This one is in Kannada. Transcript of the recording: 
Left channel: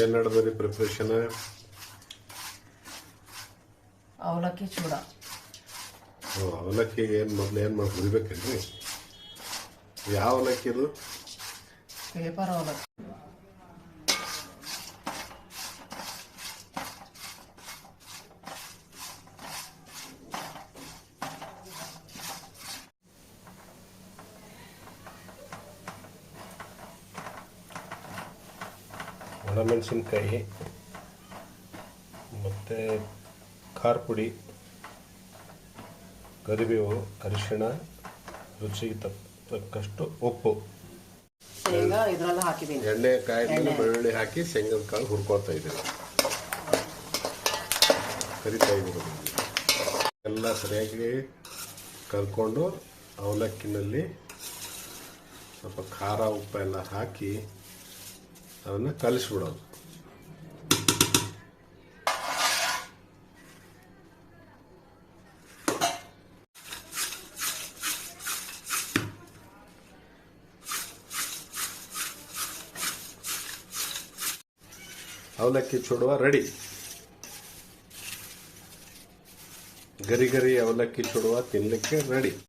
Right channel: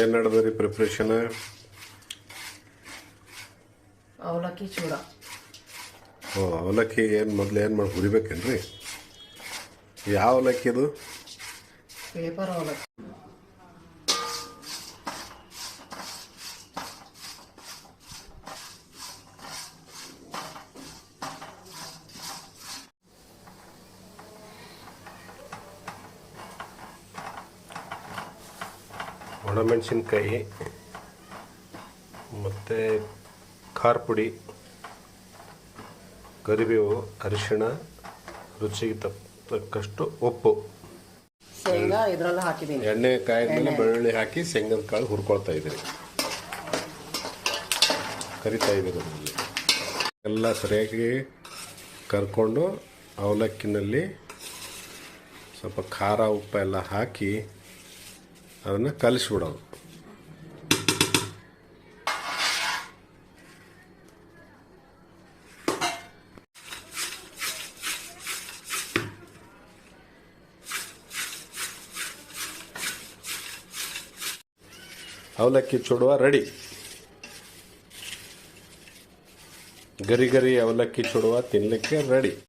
ಏನು ನಡೆದ್ರಿ ಪ್ರಿಪ್ರೇಷನ್? ಅವಲಕ್ಕಿ ಚೂಡ. ಅವಲಕ್ಕಿ ಏನು ಮೊದಲು ಏನು ಮಾಡಿ ಹುರಿಬೇಕೇನ್ರಿ? ಯಾವ ಅವಲಕ್ಕಿ ಇದು? ಪೇಪರ್ ಅವಲಕ್ಕಿ. ಒಣಮೆಣಸಿನ್ಕಾಯಿ ಮತ್ತು ಖಾರ ಪುಡಿ, ಕರಿಬೇವು, ಅರಿಶಿಣ, ರುಚಿಗೆ ತಕ್ಕಷ್ಟು ಉಪ್ಪು, ಶೇಂಗಾ ಇದರಲ್ಲಿ ಹಾಕಿದ್ದೀನಿ. ಎಣ್ಣೆ ಕಾಯಿದ್ಮೇಲೆ ಬೆಳ್ಳುಳ್ಳಿ ಹಾಕಿ ಶೇಂಗದ ಕಾಳು ಹುರ್ಕೊಳ್ತಾ ಇದ್ದೀನಿ, ಕರಿತಾ ಇದ್ದೀನಿ. ಎಲ್ಲ ಸರಿಯಾಗಿ ಕರ್ಕೊಂಡು ಅವಲಕ್ಕಿನಲ್ಲಿ ಸ್ವಲ್ಪ ಖಾರ ಉಪ್ಪು ಎಲ್ಲ ಹಾಕಿ ಅದನ್ನು ಕಲಿಸ್ಬಿಡೋದು. ಅವಲಕ್ಕಿ ಚೂಡುವ ರೆಡಿ. ಗರಿ ಗರಿ ಅವಲಕ್ಕಿ ಚೂಡುವ ತಿನ್ನಲಿಕ್ಕೆ ರೆಡಿ.